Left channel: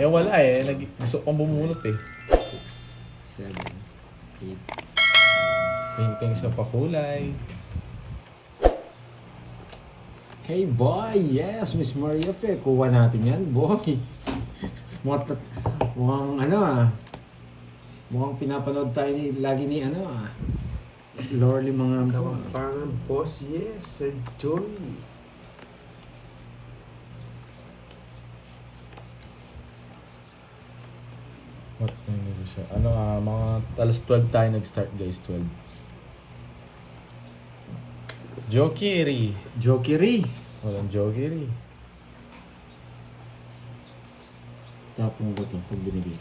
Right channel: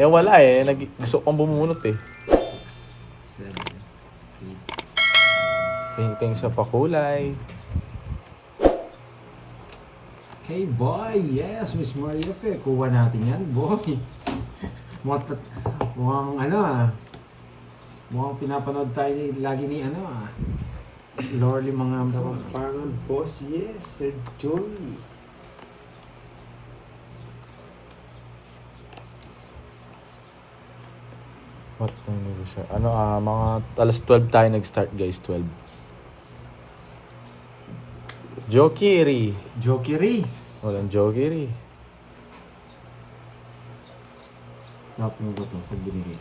Eh wala eh, gusto kong bumunot eh. 7, 8. Tingting sa pakulay. Hey boy, yes, Miss Maria Pe. Kuha natin yan, boy. Mukhang ano ah. Mukhang pinapanood tayo lagi ni ano ah. Lorely mga Kapampangan, boss, yes, Sir Joey. What time did we start? Ano mga alas 12 tayo nag-start guys, 12. Jokiri. Jokiri. Walang Jokiri. Tapon ko to pag binigay.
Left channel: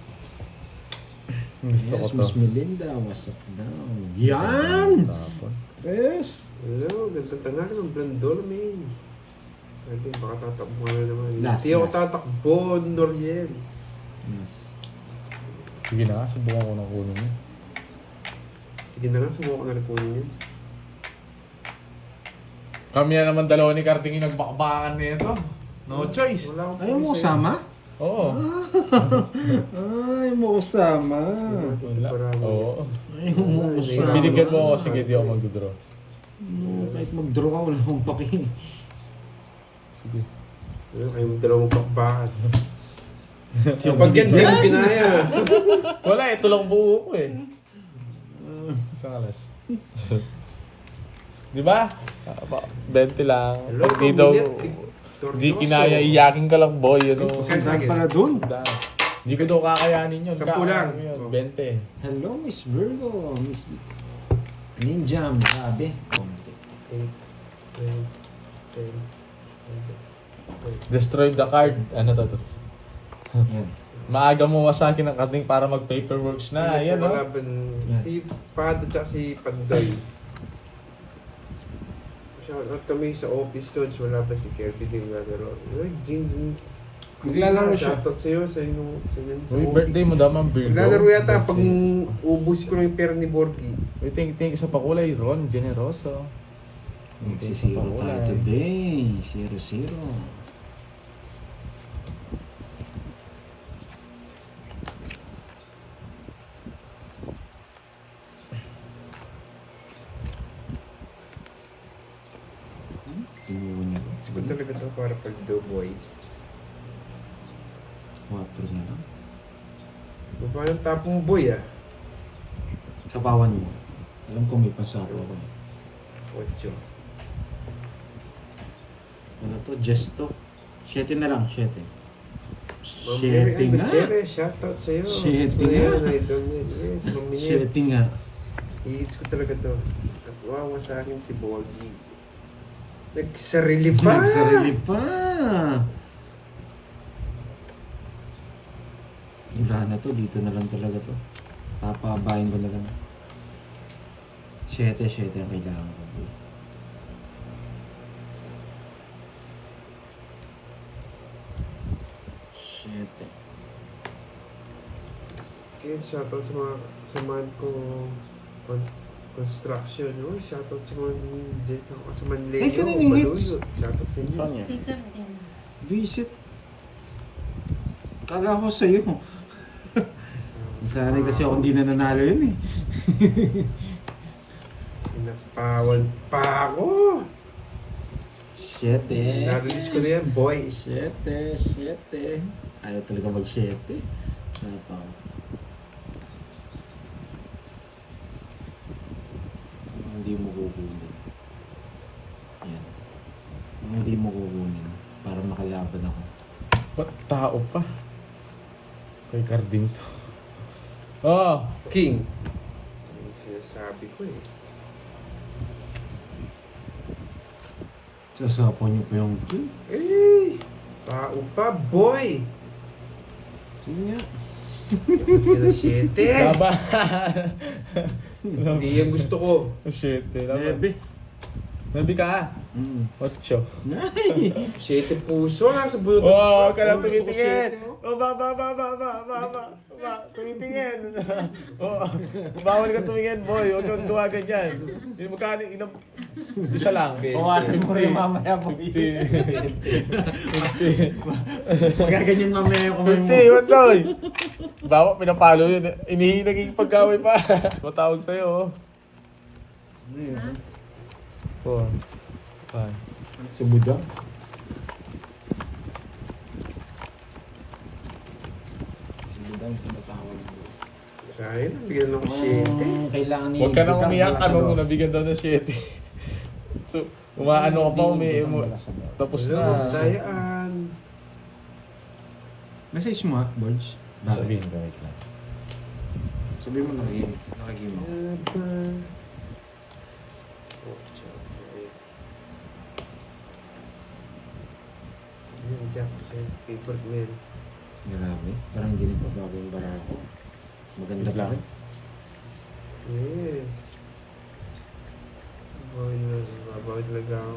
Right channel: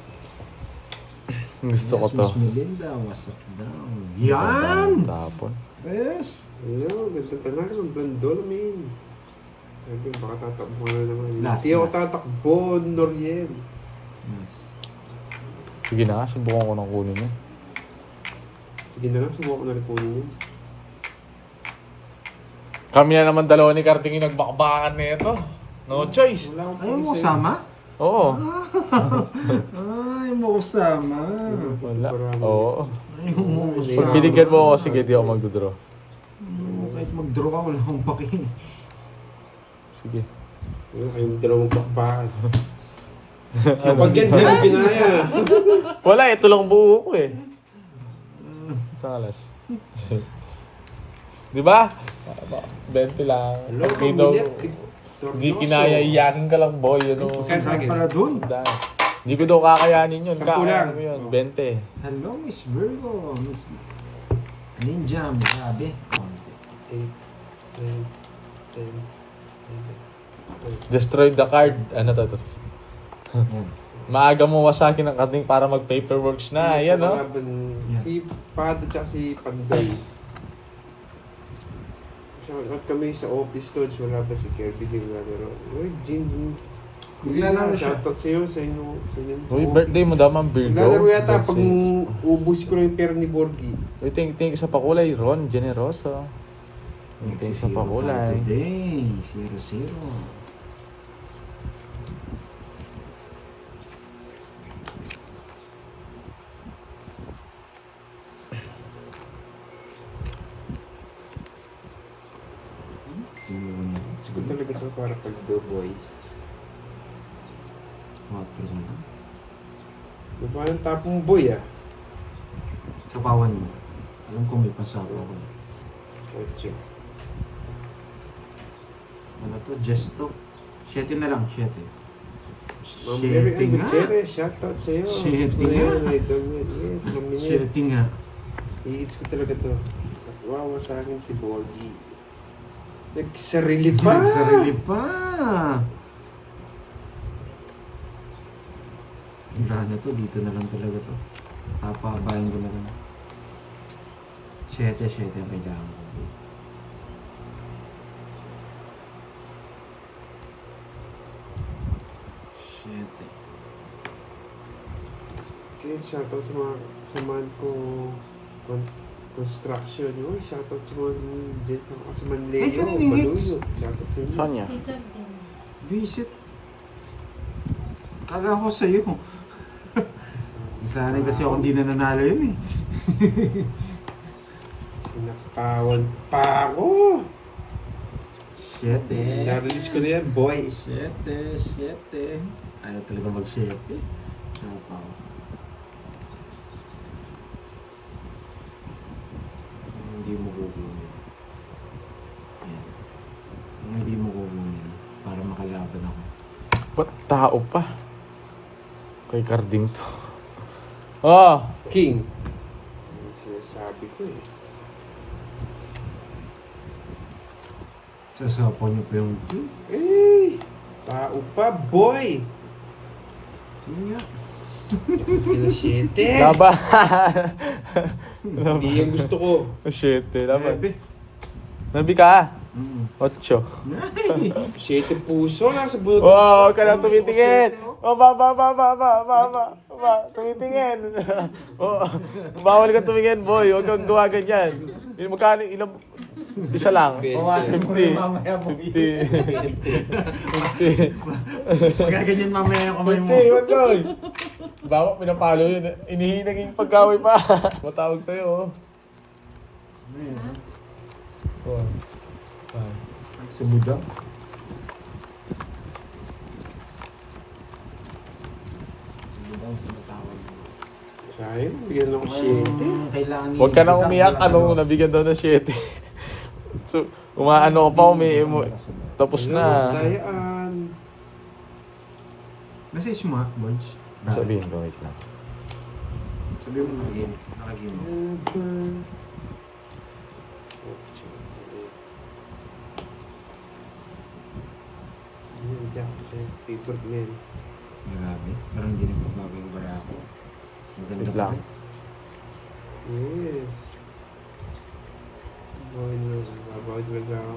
Gusto ko Yes, to. Miss Melinda, what's up down? Yan! Tapon. Yes! Hello, ganda tangal ng Blandol, man. Pwede, baka tatakbo na naman. Last, Hindi ako last. tatakbo, Noriel. Yes. Sige na, subukan ko ng kunin mo. Sige na nga, subukan ko na rin kunin yun. Kami na naman dalawa ni Karting yung nagbakbakan na ito. No choice. Wala akong Ayaw mo sa'yo. sama? Oo. Ayaw mo sama. Wala. Oo. Ayaw mo Pag sama. binigyan mo ako, sige, di ako mag-draw. Kahit mag-draw ka, wala akong pakin. Sige. Ayun, kayong dalawang pakbakan. So, pag yan, di mo pinaya. Wala, ito lang buo ko eh. Isang alas. Di ba? 20 lang. Hello, Pag dito, Tornoso. di kinaya, iyakin ka lang boy. Ano? Ay, Saan para dun? Hindi ko daw kakayanin yun. 10 lang. Ano yun? 20. Hello, Miss Virgo. Miss Ninja, grabe. Konti. 8, 9, 10, 11. Destroy the card. Ano to? Yan. Maaga mo wasakin ang kating para mag-paperworks na. Ayan, no? Kalaban, si Pad at saka si Panday. Shoutout kami sa office coach, wala pa si Kirby din naglalaro. Uy, Jin. Naglalaro siya. Shoutout sa'yo, sa inyo. Uy, birthday mo damang Virgo. Naglalaro yata God pag says. ubus ko lang yung pera ni Borgie. Uy, thank you sa pakulay. Ron, generoso. Thank you sa Magsisiro tayo pakulay. today. 0-0. Una. Siguro talaga to para pag boy. 4 na lang. Diba yung tapong boy ah? Kapawan mo. Alam ko may pasako ko. 8. Ano to? Gesto. 7 na lang. 7. Ma'am Mary 7 nga. Gutierrez, shoutout sa'yo. Shit Kuya, nga. idol niya. Yes, Ma'am Minette. 7 nga. I-hits ko talaga to. At wawa sa akin si Borgie. Nagsarili pa! Nagsarili pa. Wala na to. Dito na lang talaga to. Papabayin ko na lang. 7 ang kailangan ko. 7. Kaya shoutout sa mga samahan ko construction. Uy, shoutout sa mga dyan sa Manleo. Ay, kanina yung hits. Shoutout sa inyo. Sonya. Visit. Kala ko sa'yo. Sanay kasi ako hindi na nanalo yun eh. Sinapawan pa ako! 7. Na-release ko na yan, boy. 7. Ayaw talaga mag-7. Ano pa ako? Hindi mo kukunin. Ayan. Hindi mo kukunin. Para makalaban ako. Ba't tao pa? Kay Carding to. Oh! King. Yung sinasabi ko eh. Sasapaw niyo pa yung team. Eh! Tao pa, boy! Sige nga. Kaya 7! Laban! Hindi yan gusto ko. 7. Laban. 9. Nabi ka. 8. 7 puso, nasa bunot. Wow, ka na tumitingin. Oh, ba. Tumitingin. Oh, bawal ka tumingin, boy. Huwag kang gawa ganyan. Magkano, ilang... Isa lang. Kumain mo rin mamaya mo. 50. Magaganyan mamaya yung kamay mo. 50, Wandoy. Bawa, pinapalo yun. Naging pagkaway pa. Matawag sa'yo, oh. 4, 5. Sumuda. Sumuda ang tumatawag mo. Sayang, bigyan ako 7. Kailangan ni... Huwag ka nang umiyak. Ano, nabigyan daw ng 7. So, umaano ko pa, tapos na. Dayaan. Message mo, Bods. Sabihin ko, wait lang. Sabihin mo nakagim mo. Yan, Jackson. Paper man. Grabe. Parang hindi nagbabago yung barako. Maganda pa rin. Yes. Boy, babaw talaga ako.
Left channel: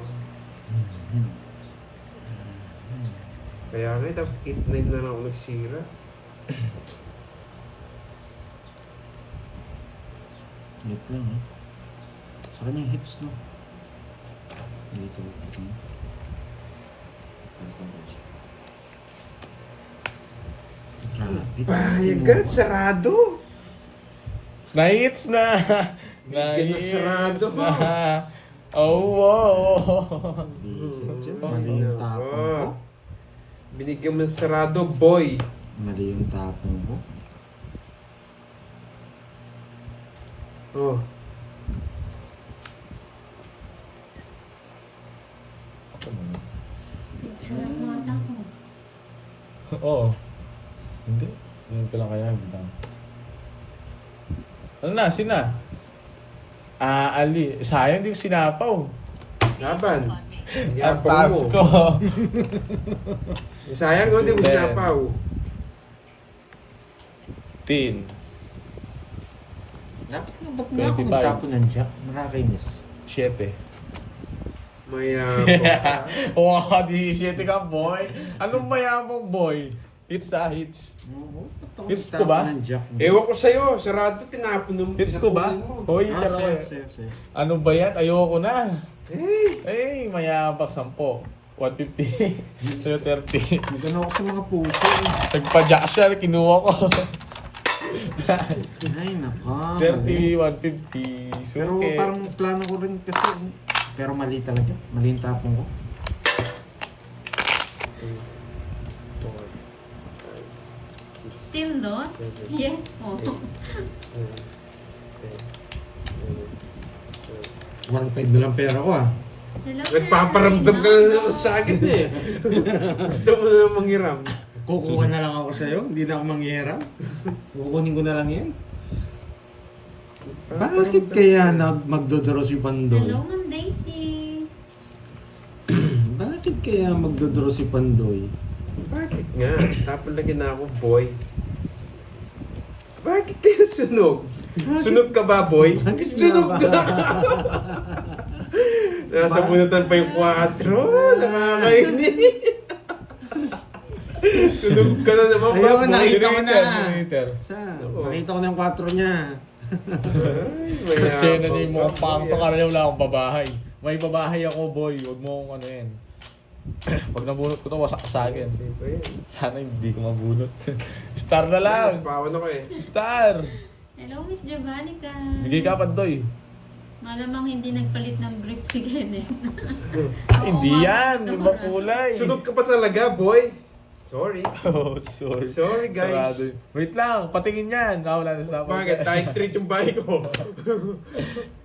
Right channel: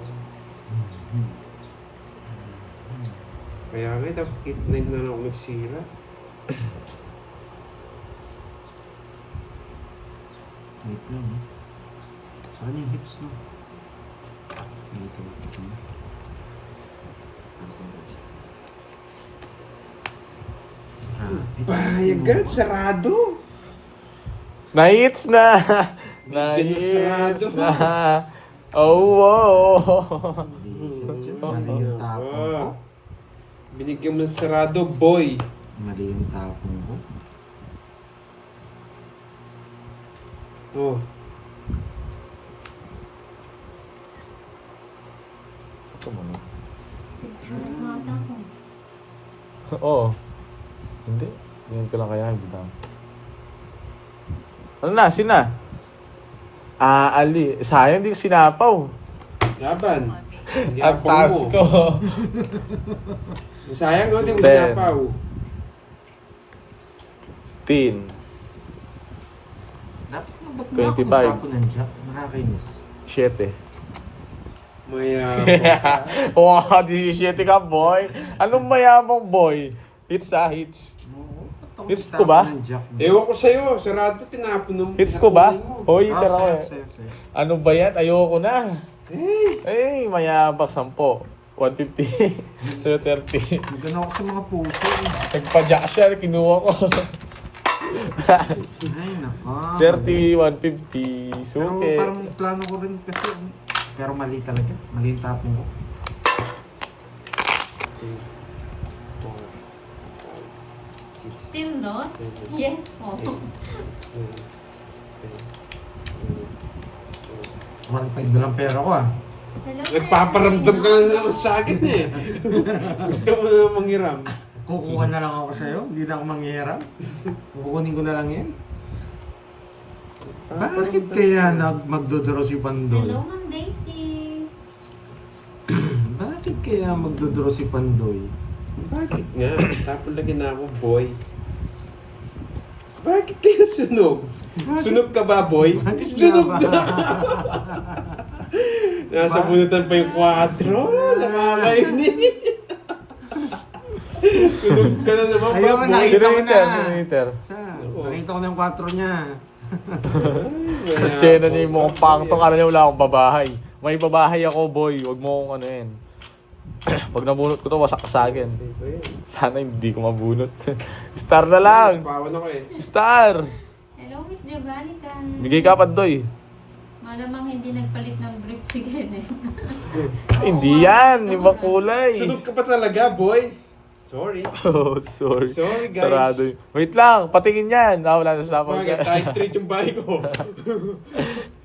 Kaya nga, dapat 8-9 na lang ako nagsira. Wait lang, ha? Saan yung hits, no? Dito. Bayagan, sarado! Na-hits na! Bigyan na sarado. na! Oh, wow! Mali yung tapong ko. Binigyan mo ng sarado, boy! Mali yung tapong ko. Oh. Oo. Hindi. Tingnan ko lang kaya. Hindi lang. Ano na? Sina? Ali. Sayang, hindi ko sinapaw. Laban. Hindi Ang apong taas mo. ko. Sayang, hindi mo 10. sinapaw. 10. Ba't nga ako 25. nagtapo ng jack? Nakakainis. 7. Mayabang. Wow, 17 ka, boy. Anong mayabang, boy? Hits na, hits. Oo. Ba't ako Hits ko nagtapo ba? ng jack? Ewan ko sa'yo, sarado tinapon mo. Hits ko ba? tinapunin mo. Hoy, Ah, tara. sayo. Ano ba yan? Ayoko na. Eh, Mayabang 10. 150. Sa'yo 30. Magano ako sa mga puso. Nagpa-jack siya, kinuha ko. Ay, naka. 30, 150. Pero Suke. parang plano ko rin kasi. Pero mali talaga. Mali yung tapong ko. 4, 5, 6, Still lost? Yes po. 1.5 na lang pera ko, ah. Hello, sir. Nagpaparamdam ka na naman sa akin eh. Gusto mo na manghiram. Kukuha na lang ako sa'yo. Hindi na ako manghihiram. Kukunin ko na lang yan. Bakit kaya magdodraw si Pandoy? Hello, Ma'am Daisy. Bakit kaya magdodraw si Pandoy? Bakit nga? Tapos lagi na ako, boy. Bakit kaya sunog? Sunog ka ba, boy? Bakit Sunog nga ka! ba? Nasa bunutan pa yung 4. Nakakainis. Sunog ka na naman. Ayun, boy. nakita ko na. Sino Siya, nakita ko na yung 4 niya. Chena na yung mukhang pangto ka na niya, wala akong babahay. May babahay ako, boy. Huwag mo akong ano yan. Pag nabunot ko to, wasak ka sa akin. Sana hindi ko mabunot. Star na lang! Bawan ako eh. Star! Hello, Miss Javanica. Bigay ka pa, Doy. Malamang hindi nagpalit ng brief si Kenneth. Hindi yan, ibang kulay. Sunog ka pa talaga, boy. Sorry. Oh, sorry. Sorry, guys. Sarado yun. Wait lang, patingin yan. Wala na sa Bakit? Tayo straight yung bahay ko.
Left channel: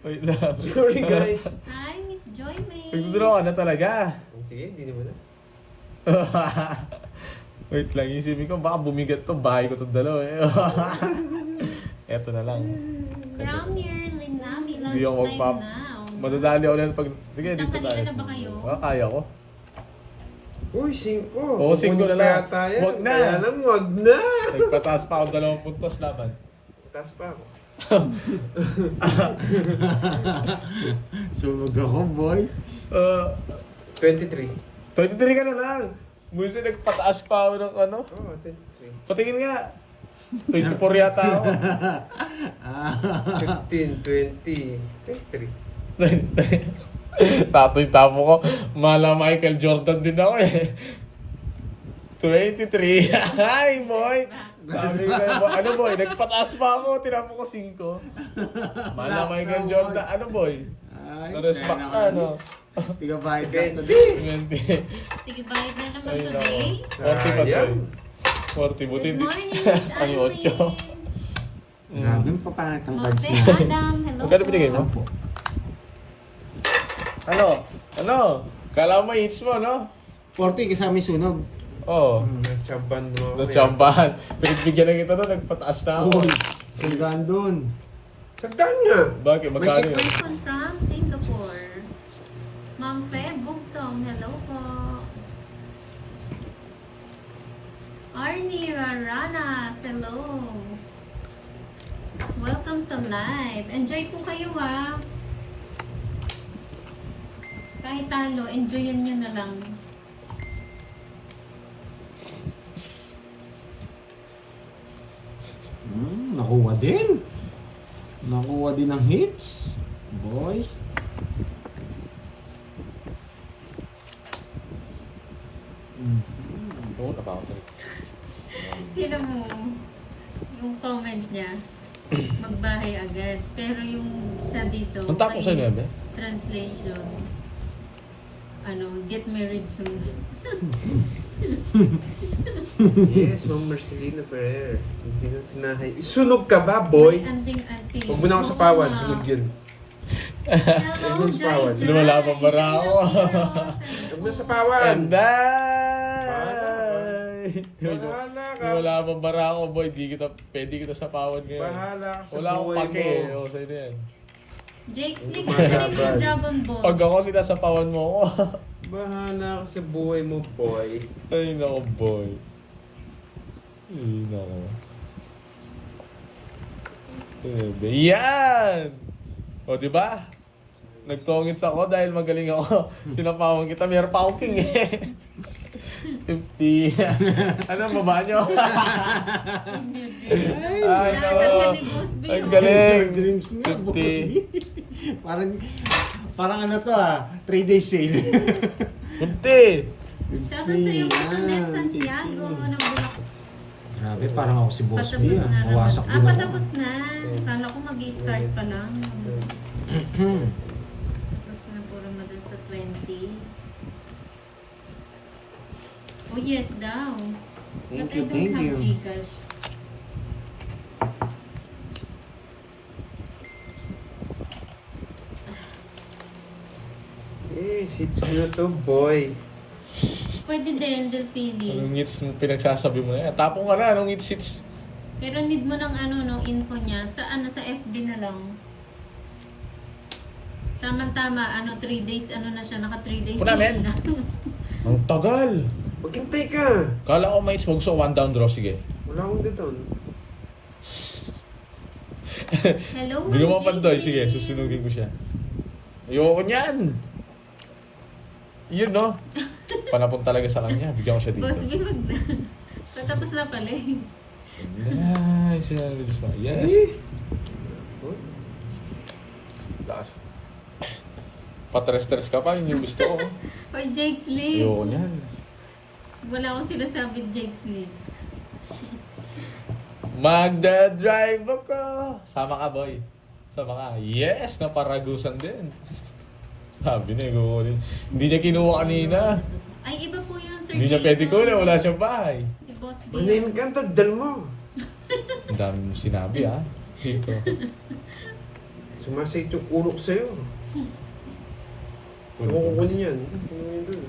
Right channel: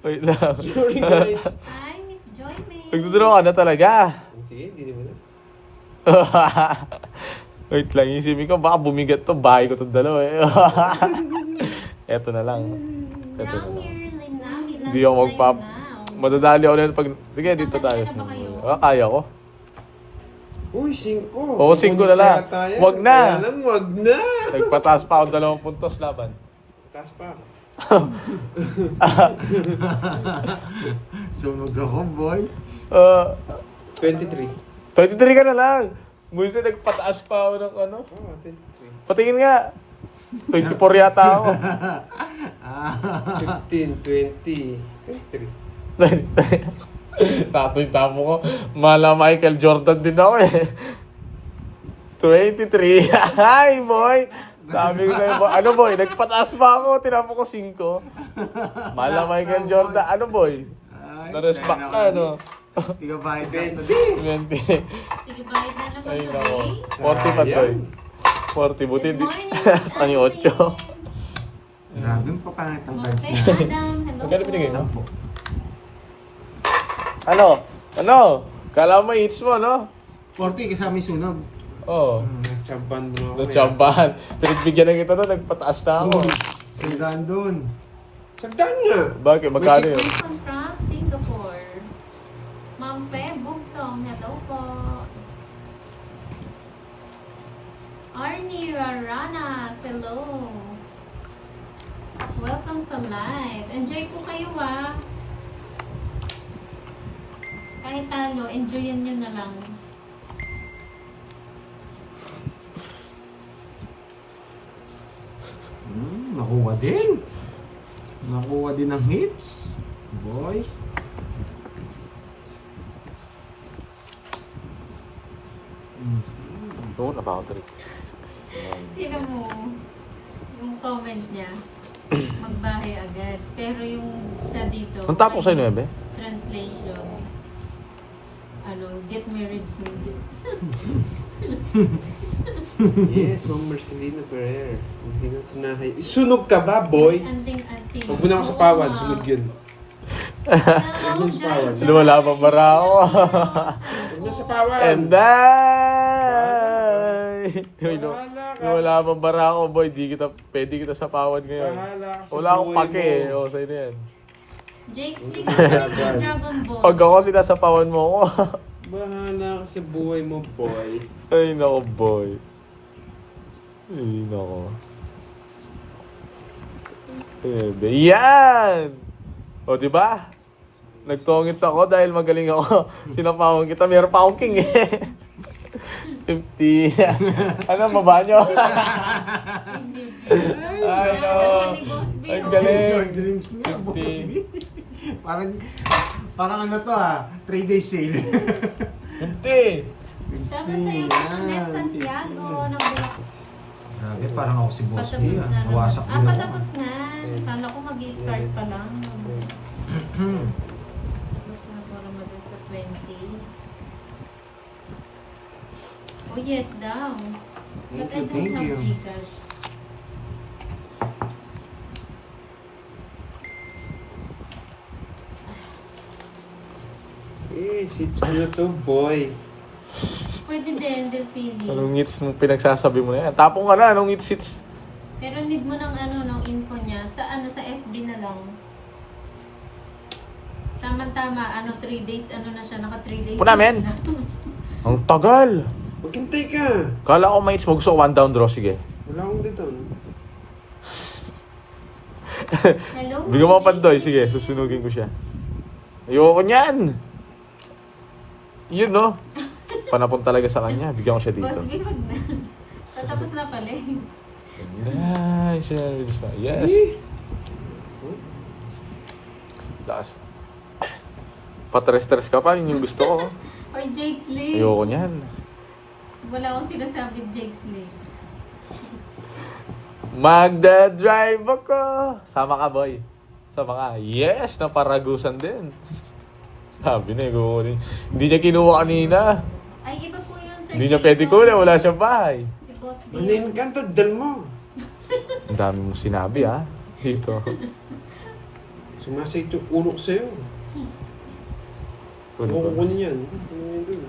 Wait lang. Sorry, guys. Hi, Miss Joy May. Nagduduro ka na talaga. Sige, hindi naman na. Wait lang, isipin ko, baka bumigat to, bahay ko itong dalawa eh. Eto na lang. From your Linami. Hindi ako Madadali ako na pag... Sige, dito tayo. Tatanggalin na ba kayo? Kaya ko. Uy, 5. Oo, 5 na lang. Wag na. Kaya lang, wag na. Nagpataas pa ako 2 puntos laban. Taas pa ako. Sunog ako, boy. 23. 23 ka na lang. Minsan nagpataas pa ako ng ano. Oo, 23. Patingin nga. 24 yata ako. 15, 20, 23. Tatoy-tapo ko. Mala Michael Jordan din ako eh. 23. Hi, boy! Sabi ko sa'yo, boy. Ano, boy? Nagpataas pa ako. Tinapo ko 5. Mala Michael Jordan. Ano, boy? Na-respect ka, ano? Tiga bahit ka. 20. Sige, bayad na naman Ay, nako. today. 40 pa, boy. 40. Buti Good hindi. morning, Miss Ano yung 8? Grabe yung papangit ang Monte vibes niya. Adam, hello Magkano binigay mo? Ano? Ano? Kala mo hits mo, no? 40 kasama yung sunog. Oo. Nagtsaban mo ako. Natsambahan. Pinagbigyan na kita doon, nagpataas na ako. Saligaan doon. Sagdan nga. Bakit? Magkano yun? Wilson from Singapore. Ma'am Fe Bugtong, hello po. Arnie Raranas, hello. Welcome sa live. Enjoy po kayo ha. Kahit talo, enjoyin nyo na lang. Nakuha din. Nakuha din ng hits. Boy. Don't about it. Tignan mo, yung comment niya, magbahay agad. Pero yung sa dito, Ang tapo sa'yo, Nuebe? translation, ano, get married soon. Yes, Ma'am Marcelina Ferrer. Hindi na tinahay. Sunog ka ba, boy? Anting-anting. Huwag mo na ako sa pawan. Sunog yun. Hello, Yun sa pawan. Jan. Wala pa bara ako. Huwag na sa pawan. And I... Bahala ka. Wala pa bara ako, boy. Pwede kita sa pawad ngayon. Bahala ka sa Wala akong buhay pake mo. eh. O, sa'yo na yan. Jake Slick, masaling mo Dragon Ball. Pag ako sinasapawan mo ako. Bahala ka sa buhay mo, boy. Ay, nako, boy. Ay, nako. Yan! O, di ba? Nagtongits ako dahil magaling ako. Sinapawan kita. Meron pa akong king eh. 50. Ano, baba nyo? Ay, no. Ang galing. Dreams niya, boss. 50. Parang ano to 3 days sale. 50. Shoutout sa'yo, Net Santiago, ng Bulacan. Grabe, parang ako si Boss B. Patapos na naman. Nawasak din ako. Patapos na. Kala ko mag-i-start pa lang. Tapos na po Ramadan sa 20. Oh yes daw. But I don't Thank have you. Gcash. Eh, sits mo na to, boy. Pwede din, Delpili. Anong hits mo pinagsasabi mo na yan? Tapong ka na, anong hits? Pero need mo ng ano, ng info niya. Sa ano, sa FB na lang. Tama-tama, ano, 3 days, ano na siya, naka 3 days. Puna, men. na. Ang tagal. Maghintay ka. Kala ko may hits mo. Gusto ko one down draw. Sige. Wala akong dito. Hello, Bigyan mo Ma'am ako pantoy. JC. Sige, susunugin ko siya. Ayoko niyan. Yun, no? Panapon talaga sa kanya. Bigyan ko siya dito. Boss B, wag na. Patapos na pala eh. Nice. Yes. Lakas. Patres-tres ka pa. Yun yung gusto ko. Or Jake Slick. Ayoko niyan. Wala akong sinasabi Jake Slick. Magda-drive ako. Sama ka, boy. Sama ka. Yes, naparagusan din. Sabi na, hindi niya kinuha kanina. Ay, iba po yun, Sir Hindi niya Jason. pwede kunin. Wala siyang bahay. Si Boss B. Manayin ka, tagdal mo. Ang dami mong sinabi, ha? Dito. Sumasay ito ulo ko sa'yo. Ano Ako ba? kukunin yan. Kukunin doon.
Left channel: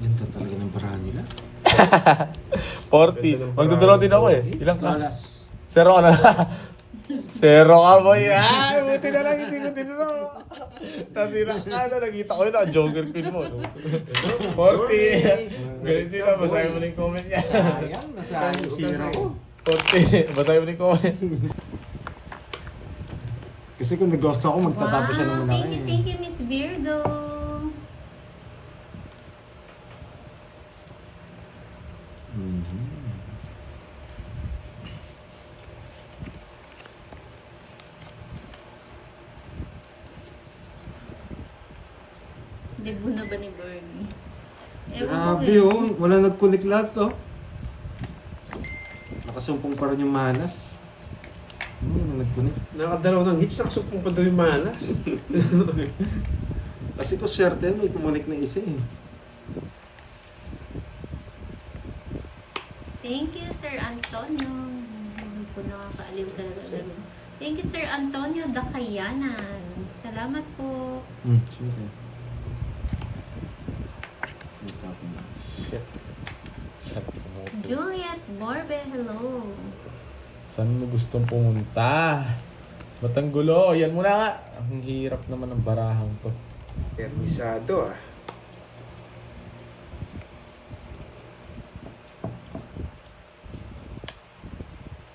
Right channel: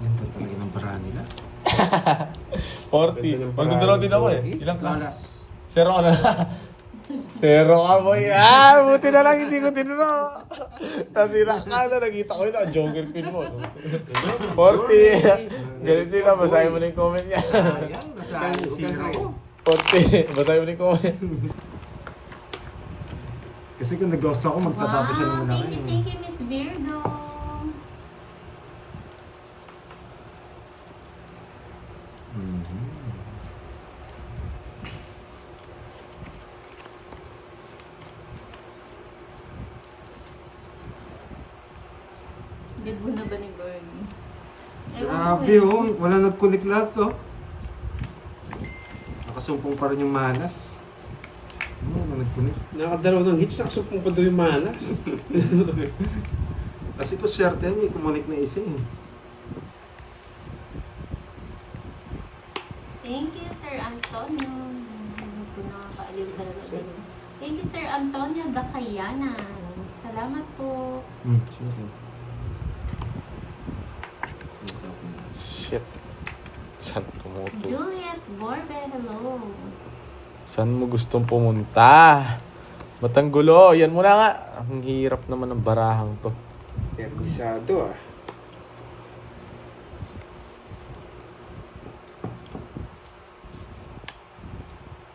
Ganda talaga ng bara nila. 40. Magdodrow din ako eh. Ilang ka? Lolas. Zero ka na. Zero ka, boy. Ah, buti na lang hindi ko tinuro. Nasira ka na. Nakita ko yun. Ang joker pin mo. 40. Galit sila, basahin mo na yung comment niya. Ayan, nasa zero ko. 40, basahin mo na yung comment. Kasi kung nag-ghost ako, magtatapos siya ng Wow, malaki. thank you, Miss Virgo. Mhm. Debut na ba ni Bernie? Ewan ko Grabe eh. oh, wala nag-connect lahat to. Nakasumpong pa rin yung manas. Wala nag-connect. Nakadalaw ng hits, nakasumpong pa daw yung mana. Kasi ko swerte may kumunik na isa eh. Thank you, Sir Antonio. Hindi ko nakakaaliw talaga. Thank you, Sir Antonio Dakayanan. Salamat po. Sure. Shit. Saan tumuto? Juliet Borbe, hello. Saan mo gustong pumunta? Matanggulo, yan muna nga. Ang hirap naman ng barahang to. Permisado ah.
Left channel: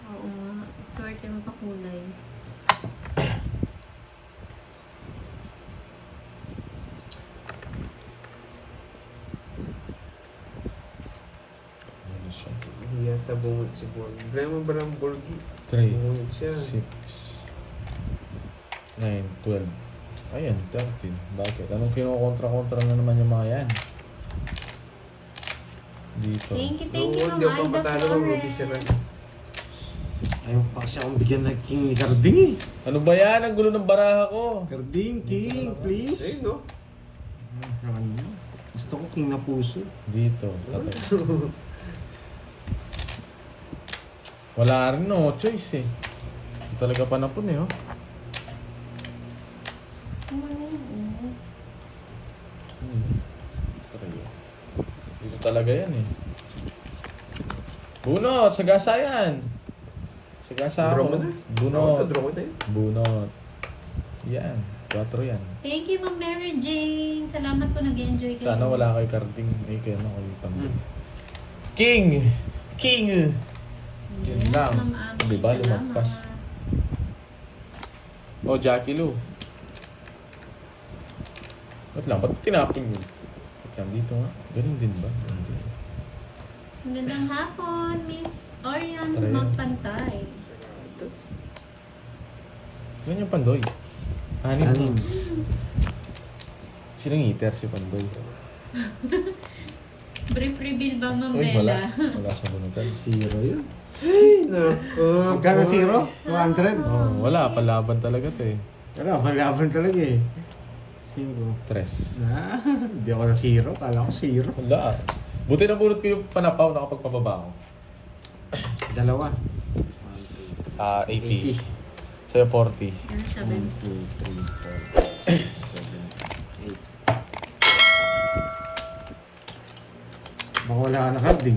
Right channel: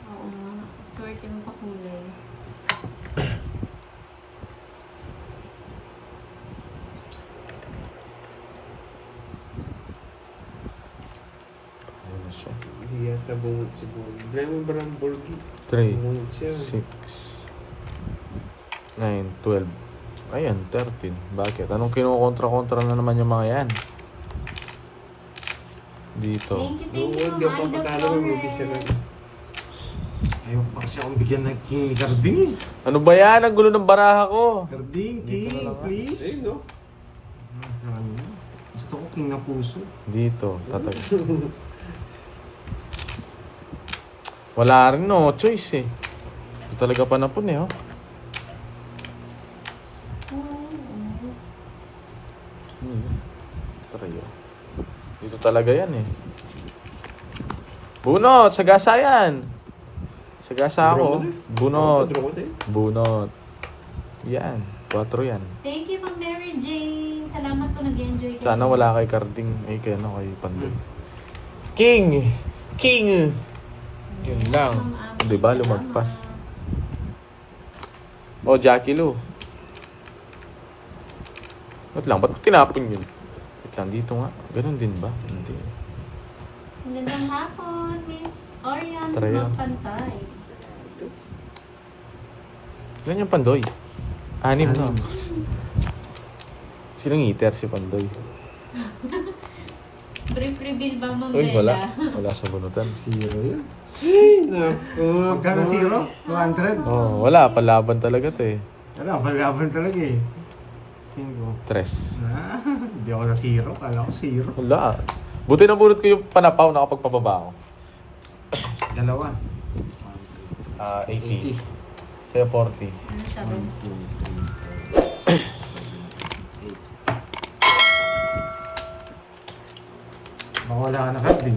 Oo nga. Swerte mo pa kulay. Ano siya? Hindi yata bungot si Borgi. Problema ba ng Borgi? 3, Bungot siya. 6, 9, 12. Ayan, 13. Bakit? Anong kinukontra-kontra na naman yung mga yan? Dito. Thank you, Bungot, di ako Ma'am Ida patalo ng Borgi siya lang. Flores. Ayaw pa kasi akong bigyan ng King ni Carding eh. Ano ba yan? Ang gulo ng baraha ko. Carding, King, please. Ayun no? Gusto ko King na puso. Dito. Tatag. Wala rin no. Choice eh. Ito talaga panapon eh. Oh. Taray, oh. Dito talaga yan eh. Bunot! Sagasa yan! Sagasa Draw mo ako. na. Bunot. Draw mo na yun. Bunot. Yan. 4 yan. Thank you, Ma'am Mary Jane. Salamat po, nag-enjoy kayo. Sana wala kay Carding. Ay, kay ano, kay Pandoy. King! King! Yun lang. Ma'am Ami, Di ba, salamat. lumagpas? Oh, Jackie Lou. Ba't lang? Ba't tinapon yun? Wait lang, dito nga. Ganun din ba? Hindi. Magandang hapon, Miss Orion Tara yan. Magpantay. Ganyan yung Pandoy. 6 no? Sinong eater si Pandoy? Brief reveal ba, Ma'am Uy, Bella? wala. Wala sa bunutan. Zero yun. Ay, naku. Magkano zero? 200? Oh, wala. Palaban talaga to eh. Wala, malaban talaga eh. 5. 3. Ah, hindi ako na zero. Kala ko zero. Wala. Buti na bunot ko yung panapaw nakapagpababa ako. 2. 80. Sa'yo 40. 7. 1, 2, 3, 4, 5, 6, 7, 8. Baka wala ka na Carding.